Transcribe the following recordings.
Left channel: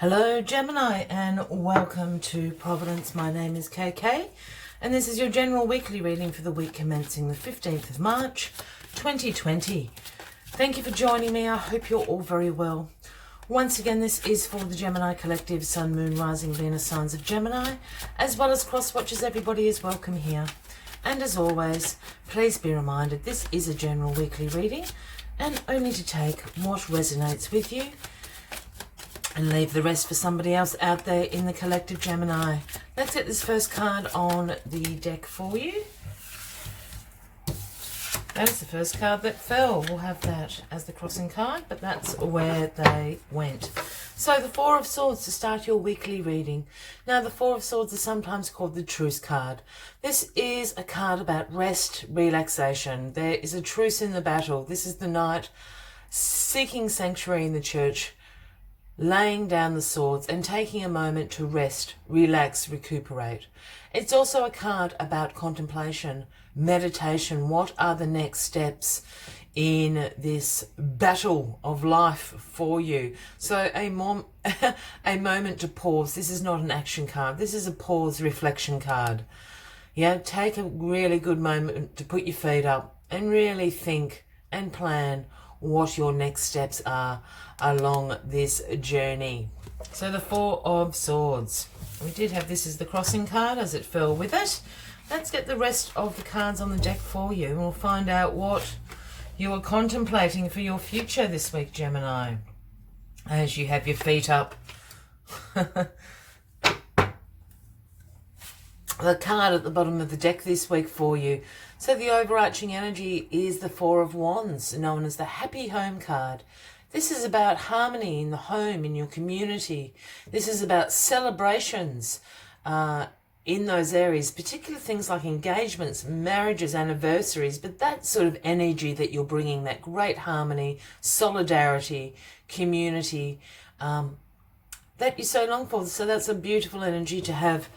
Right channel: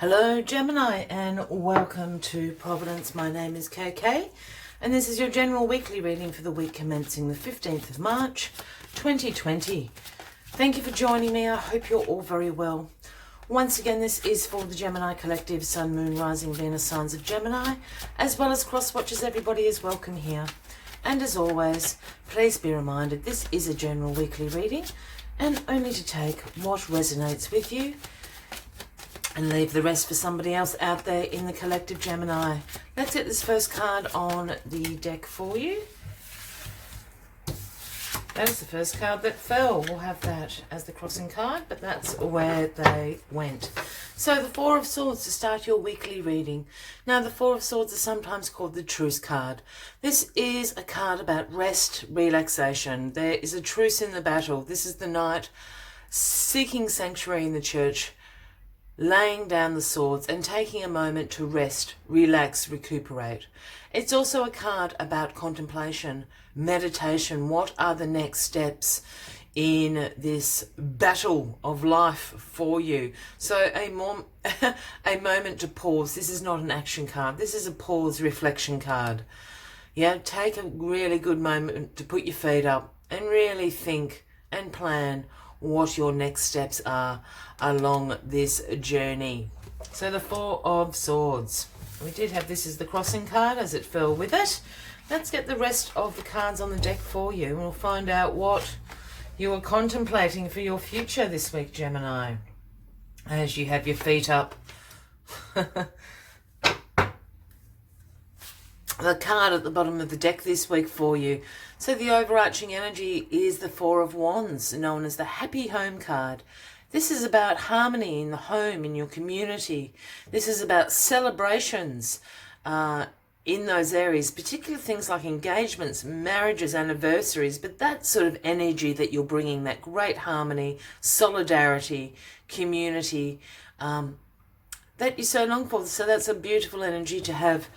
Hello Gemini and welcome to Providence. My name is KK and this is your general weekly reading for the week commencing the 15th of March 2020. Thank you for joining me. I hope you're all very well. Once again, this is for the Gemini Collective, Sun, Moon, Rising, Venus signs of Gemini, as well as cross watchers. Everybody is welcome here. And as always, please be reminded this is a general weekly reading and only to take what resonates with you and leave the rest for somebody else out there in the collective Gemini. Let's get this first card on the deck for you. That is the first card that fell. We'll have that as the crossing card, but that's where they went. So the Four of Swords to start your weekly reading. Now the Four of Swords is sometimes called the truce card. This is a card about rest, relaxation. There is a truce in the battle. This is the knight seeking sanctuary in the church, laying down the swords and taking a moment to rest, relax, recuperate. It's also a card about contemplation, meditation. What are the next steps in this battle of life for you? So a moment to pause. This is not an action card. This is a pause reflection card. Yeah, take a really good moment to put your feet up and really think and plan what your next steps are along this journey. So the Four of Swords. We did have this as the crossing card as it fell with it. Let's get the rest of the cards on the deck for you and we'll find out what you are contemplating for your future this week, Gemini, as you have your feet up. The card at the bottom of the deck this week for you. So the overarching energy is the Four of Wands, known as the Happy Home card. This is about harmony in the home, in your community. This is about celebrations in those areas, particularly things like engagements, marriages, anniversaries, but that sort of energy that you're bringing, that great harmony, solidarity, community, that you so long for. So that's a beautiful energy to have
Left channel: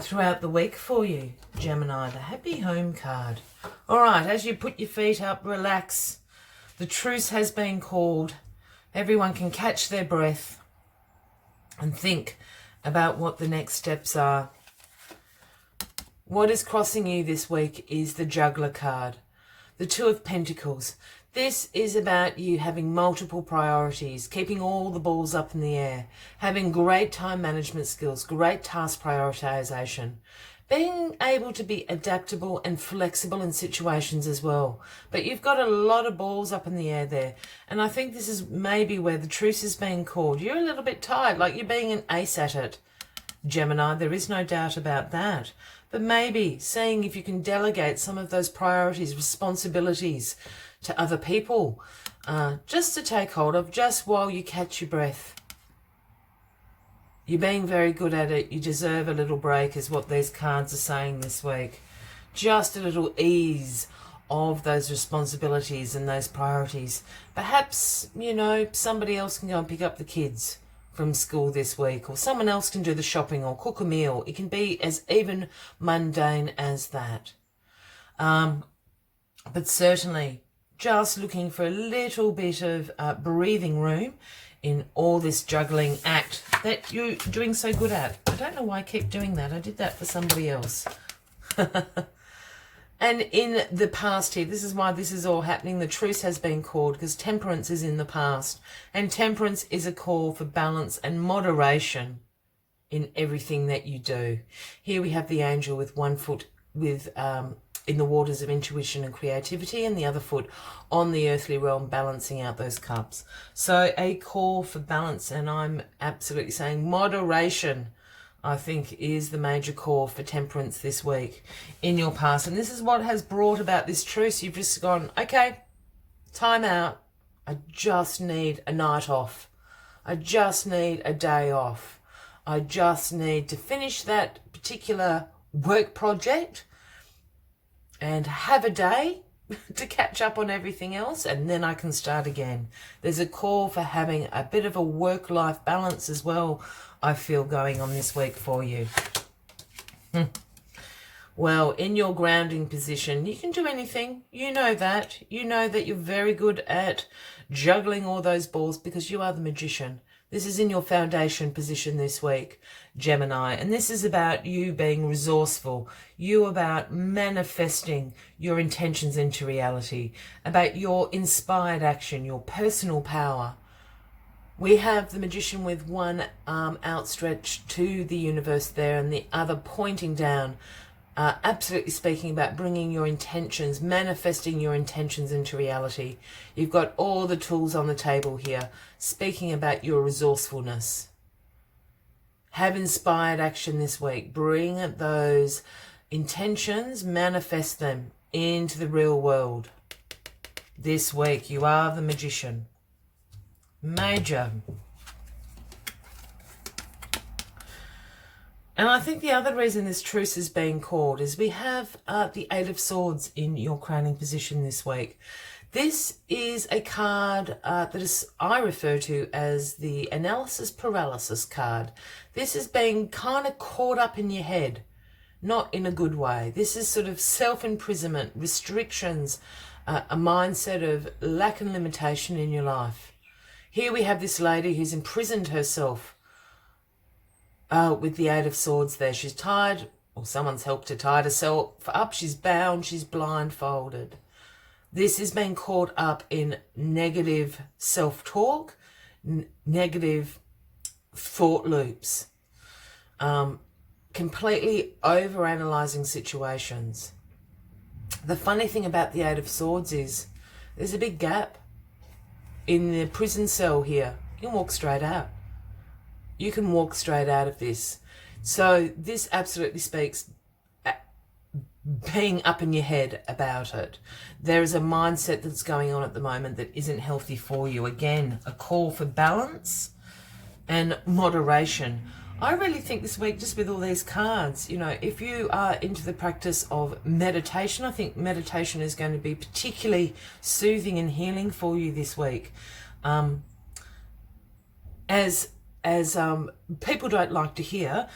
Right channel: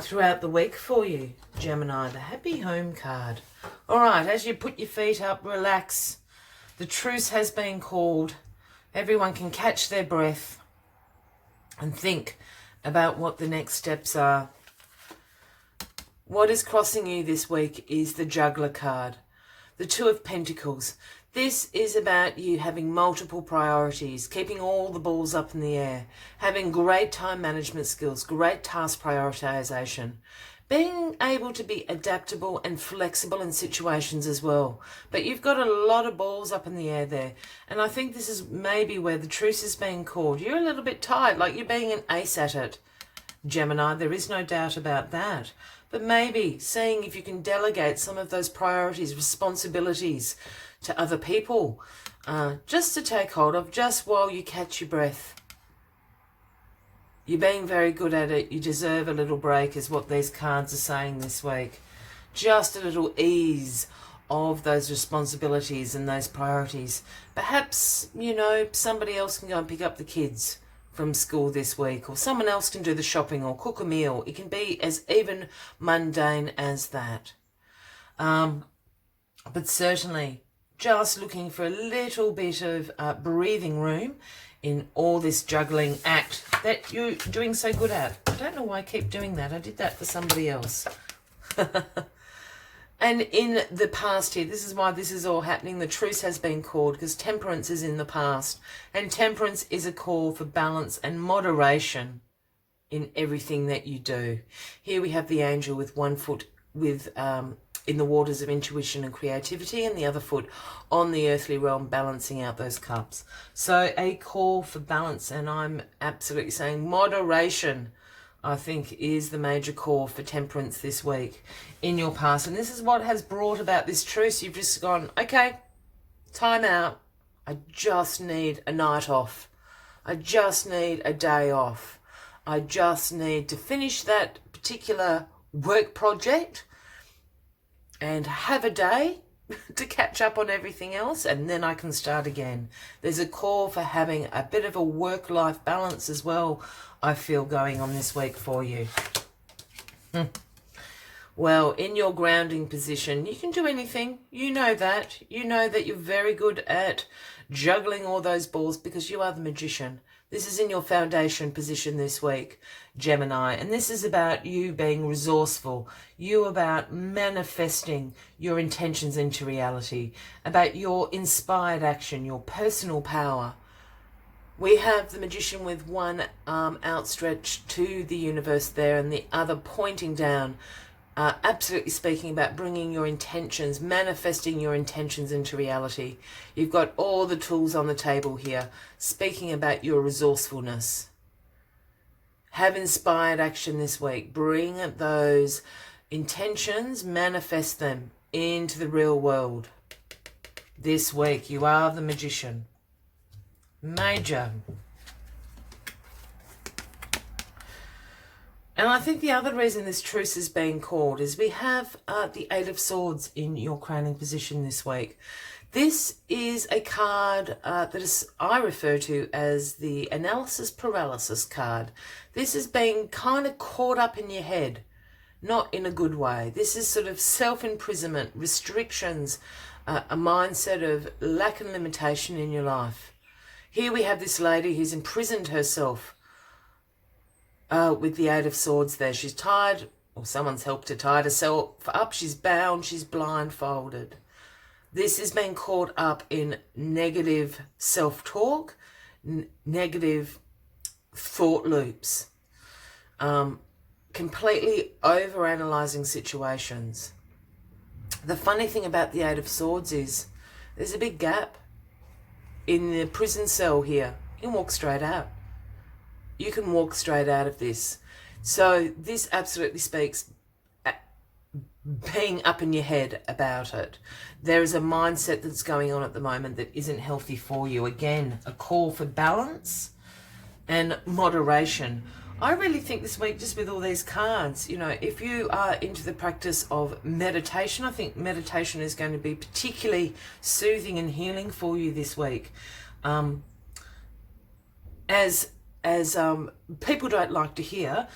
throughout the week for you, Gemini, the Happy Home card. All right, as you put your feet up, relax. The truce has been called. Everyone can catch their breath and think about what the next steps are. What is crossing you this week is the Juggler card, the Two of Pentacles. This is about you having multiple priorities, keeping all the balls up in the air, having great time management skills, great task prioritization, being able to be adaptable and flexible in situations as well. But you've got a lot of balls up in the air there. And I think this is maybe where the truce is being called. You're a little bit tired, like you're being an ace at it, Gemini. There is no doubt about that. But maybe seeing if you can delegate some of those priorities, responsibilities to other people, just to take hold of, just while you catch your breath. You're being very good at it. You deserve a little break is what these cards are saying this week. Just a little ease of those responsibilities and those priorities. Perhaps, you know, somebody else can go and pick up the kids from school this week, or someone else can do the shopping or cook a meal. It can be as even mundane as that. But certainly just looking for a little bit of breathing room in all this juggling act that you're doing so good at. I don't know why I keep doing that. I did that for somebody else. And in the past here, this is why this is all happening. The truce has been called because temperance is in the past. And temperance is a call for balance and moderation in everything that you do. Here we have the angel with one foot with in the waters of intuition and creativity, and the other foot on the earthly realm, balancing out those cups. So a call for balance, and I'm absolutely saying moderation, I think, is the major call for temperance this week in your past. And this is what has brought about this truce. You've just gone, okay, time out. I just need a night off. I just need a day off. I just need to finish that particular work project and have a day to catch up on everything else, and then I can start again. There's a call for having a bit of a work-life balance as well, I feel, going on this week for you. Well, in your grounding position, you can do anything. You know that. You know that you're very good at juggling all those balls because you are the magician. This is in your foundation position this week, Gemini, and this is about you being resourceful, you about manifesting your intentions into reality, about your inspired action, your personal power. We have the Magician with one arm outstretched to the universe there and the other pointing down, absolutely speaking about bringing your intentions, manifesting your intentions into reality. You've got all the tools on the table here, speaking about your resourcefulness. Have inspired action this week. Bring those intentions, manifest them into the real world. This week, you are the Magician. Major. And I think the other reason this truce is being called is we have the Eight of Swords in your crowning position this week. This is a card I refer to as the analysis paralysis card. This is being kind of caught up in your head, not in a good way. This is sort of self-imprisonment, restrictions, a mindset of lack and limitation in your life. Here we have this lady who's imprisoned herself with the Eight of Swords there. She's tied, or someone's helped her tie herself up. She's bound, she's blindfolded. This is being caught up in negative self-talk, negative thought loops, completely over-analysing situations. The funny thing about the Eight of Swords is there's a big gap in the prison cell here. You can walk straight out. You can walk straight out of this. So this absolutely speaks being up in your head about it. There is a mindset that's going on at the moment that isn't healthy for you. Again, a call for balance and moderation. I really think this week, just with all these cards, you know, if you are into the practice of meditation, I think meditation is going to be particularly soothing and healing for you this week. As people don't like to hear,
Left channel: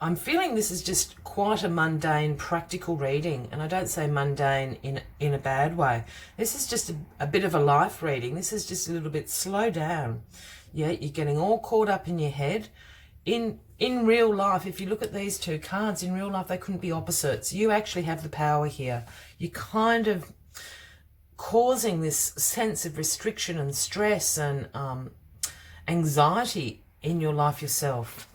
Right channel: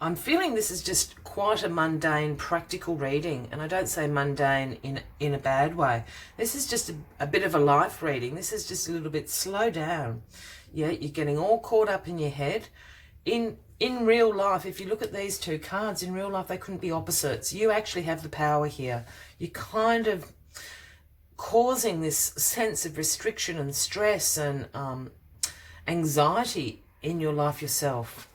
I'm feeling this is just quite a mundane, practical reading. And I don't say mundane in a bad way. This is just a bit of a life reading. This is just a little bit slow down. Yeah, you're getting all caught up in your head. In real life, if you look at these two cards, in real life, they couldn't be opposites. You actually have the power here. You're kind of causing this sense of restriction and stress and anxiety in your life yourself.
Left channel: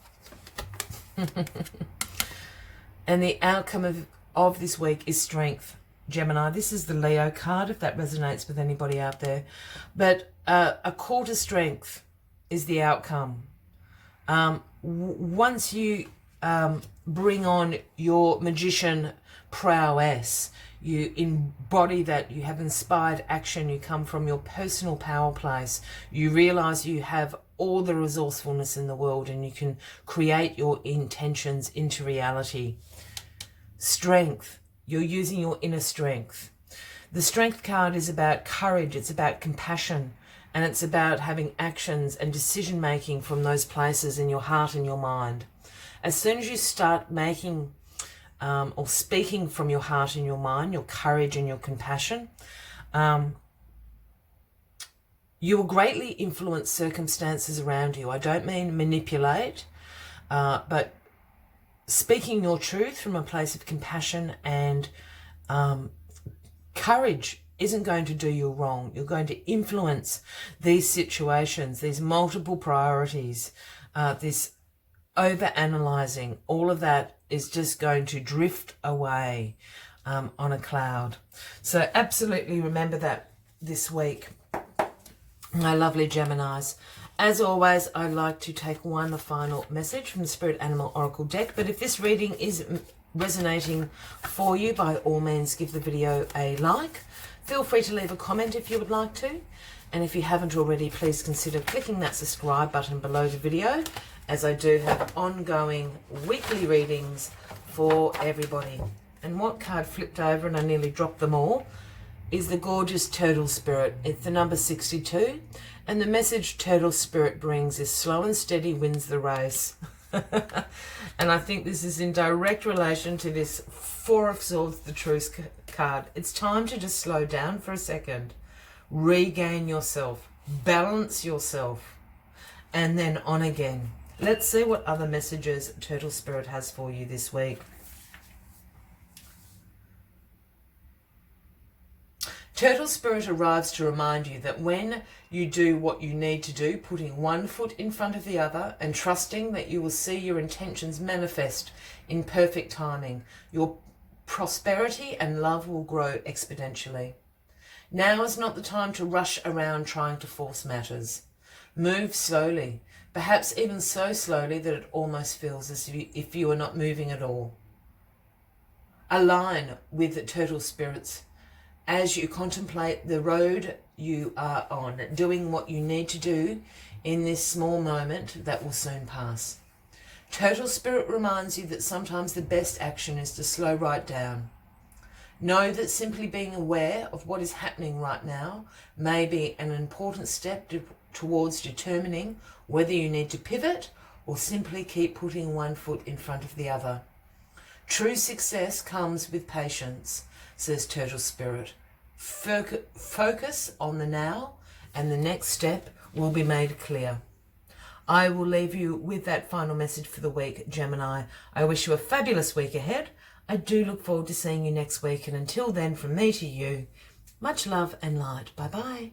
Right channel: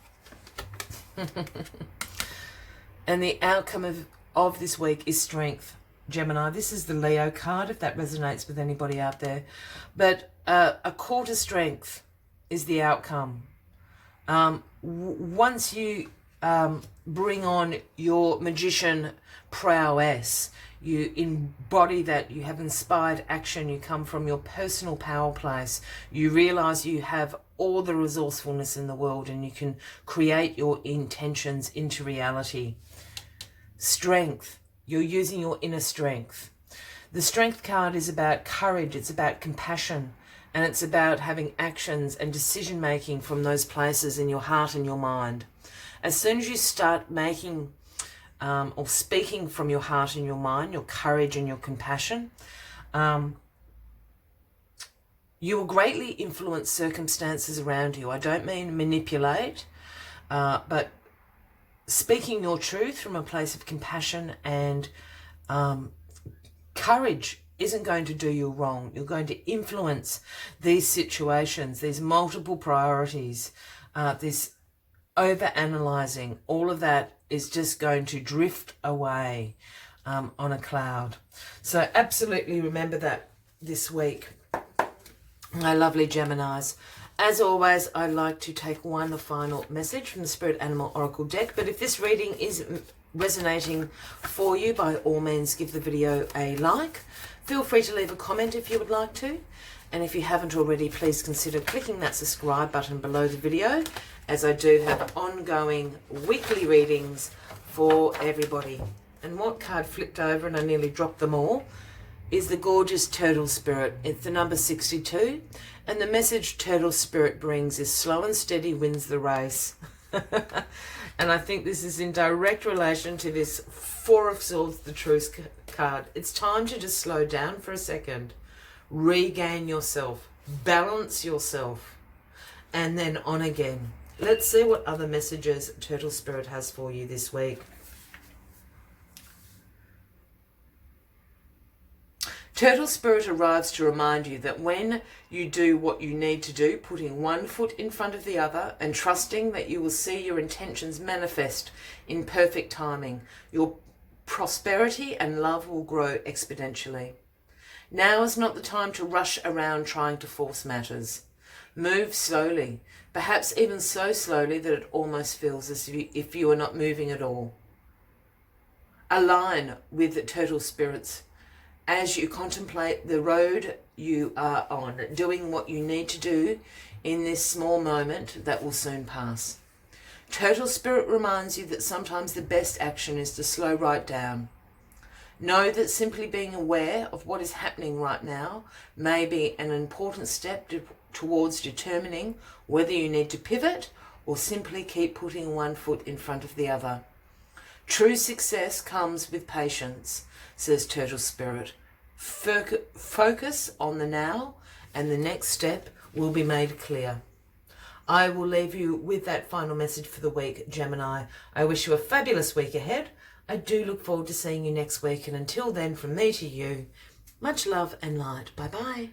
And the outcome of this week is strength, Gemini. This is the Leo card, if that resonates with anybody out there. But a call to strength is the outcome. Once you bring on your magician prowess, you embody that, you have inspired action, you come from your personal power place, you realize you have all the resourcefulness in the world and you can create your intentions into reality. Strength, you're using your inner strength. The strength card is about courage, it's about compassion, and it's about having actions and decision making from those places in your heart and your mind. As soon as you start making or speaking from your heart and your mind, your courage and your compassion, you will greatly influence circumstances around you. I don't mean manipulate, but speaking your truth from a place of compassion and courage isn't going to do you wrong. You're going to influence these situations, these multiple priorities, this over-analyzing. All of that is just going to drift away on a cloud. So absolutely remember that this week, my lovely Geminis. As always, I'd like to take one final message from the Spirit Animal Oracle deck. But if this reading is resonating for you, by all means, give the video a like. Feel free to leave a comment if you would like to. And if you haven't already, please consider clicking that subscribe button below the video, as I do have ongoing weekly readings for everybody. And what card flipped over, and I nearly dropped them all, is the gorgeous Turtle Spirit. It's the number 62. And the message Turtle Spirit brings is slow and steady wins the race. And I think this is in direct relation to this Four of Swords, the Truce card. It's time to just slow down for a second, regain yourself, balance yourself, and then on again. Let's see what other messages Turtle Spirit has for you this week. Turtle Spirit arrives to remind you that when you do what you need to do, putting one foot in front of the other and trusting that you will see your intentions manifest in perfect timing, your prosperity and love will grow exponentially. Now is not the time to rush around trying to force matters. Move slowly, perhaps even so slowly that it almost feels as if you are not moving at all. Align with Turtle Spirits as you contemplate the road you are on, doing what you need to do in this small moment that will soon pass. Turtle Spirit reminds you that sometimes the best action is to slow right down. Know that simply being aware of what is happening right now may be an important step towards determining whether you need to pivot or simply keep putting one foot in front of the other. True success comes with patience, says Turtle Spirit. Focus on the now and the next step will be made clear. I will leave you with that final message for the week, Gemini. I wish you a fabulous week ahead. I do look forward to seeing you next week, and until then, from me to you, much love and light. Bye-bye.